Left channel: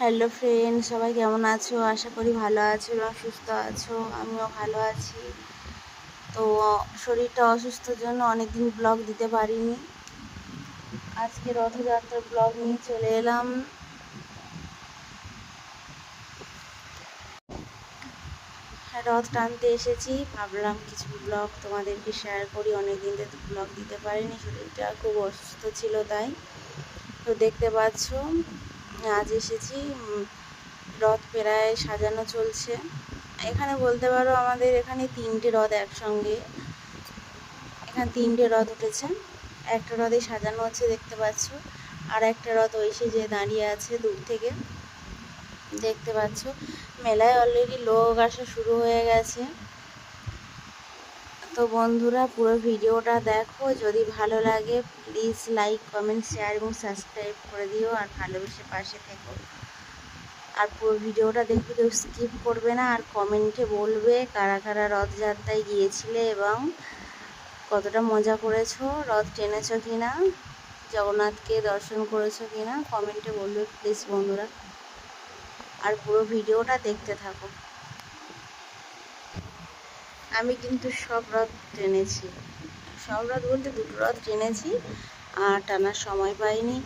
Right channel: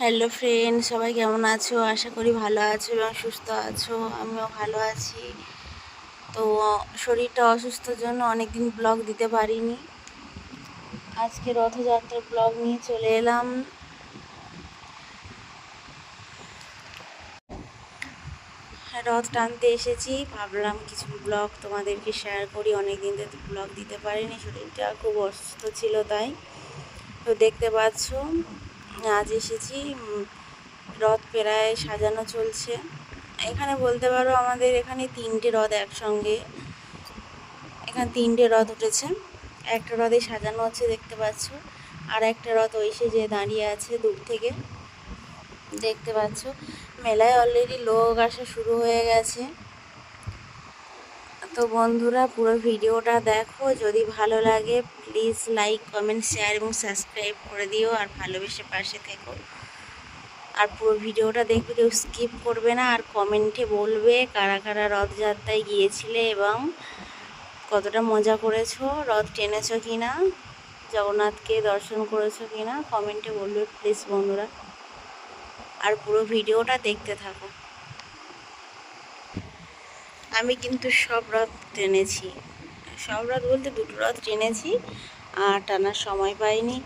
Hello friend, সবাই কেমন আছো? আশা করি ভালো আছো এবং সুস্থ আছো। আমিও ভালো আছি। তো শরীরটা অসুস্থর জন্য অনেকদিন ব্লগ দিতে পারিনি। আজকে রথযাত্রার ব্লগ নিয়ে চলে এলাম। রথ টানতে এসেছি, ভাবলাম কিছু ব্লগ তোমাদেরকে শেয়ার করি। অনেকদিন তো ব্লগ দিতে পারিনি, শরীরটা খুব অসুস্থ ছিল তাই। তো দেখতে পাচ্ছ আজ এসেছি, রথ প্রায় সাজানো চলছে। এখানে বলতে পারো আমাদের এখানে 3টে রথ একসঙ্গে, এখানে 3টে রথ উঠেছে। একটা রথে সাজানো হচ্ছে দেখতে পাচ্ছ, আর একটা রথ ওই যে দাঁড়িয়ে আছে দূর থেকে দেখতে পাচ্ছ। মেলায় অলরেডি লোক আসা শুরু হয়ে গেছে। তো বন্ধুরা, পুরো ভিডিওটা দেখো, যদি ভালো লাগে প্লিজ লাইক, কমেন্ট, শেয়ার এবং সাবস্ক্রাইব করে দিও, আর ভালোবেসে পাশে থেকো। আর পুরো ভিডিওটা দেখবে, কেউ স্কিপ করবে না। আর কমেন্টে বলবে কারা কারা রথযাত্রায় গিয়েছিলে এবং কতটা মজা করেছো, রথ টেনেছো কিনা, জগন্নাথকে দর্শন করেছো কিনা, কমেন্টে বলবে প্লিজ বন্ধুরা। আর পুরো ভিডিওটা দেখতে থাকো। আমি কিন্তু সব রথ টেনেছি, সব রথ বলতে 2টো রথ টেনেছি, আর টানার সময় পাইনি।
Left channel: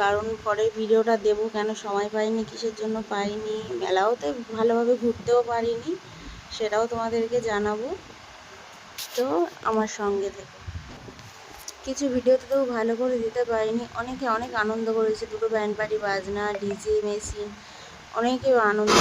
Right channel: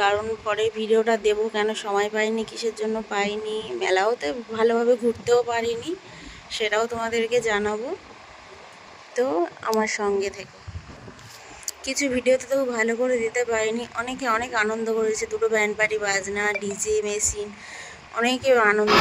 কারণ পরে ভিডিওটা দেবো, কেন সময় পাইনি, কিসের জন্য পাইনি, মেলাওতে ভালোভাবে ঘুরতেও পারিনি, সেটাও তোমাদেরকে জানাবো। তো আমার সঙ্গে থেকো। কিছু ভিডিওতে তো ভালো করে দিতে পারিনি। অনেকে অনেক আনন্দ করেছে, 2টো ব্যান্ড পার্টি, বাজনা, ডিজে, মেশিন, অনেকে আনন্দ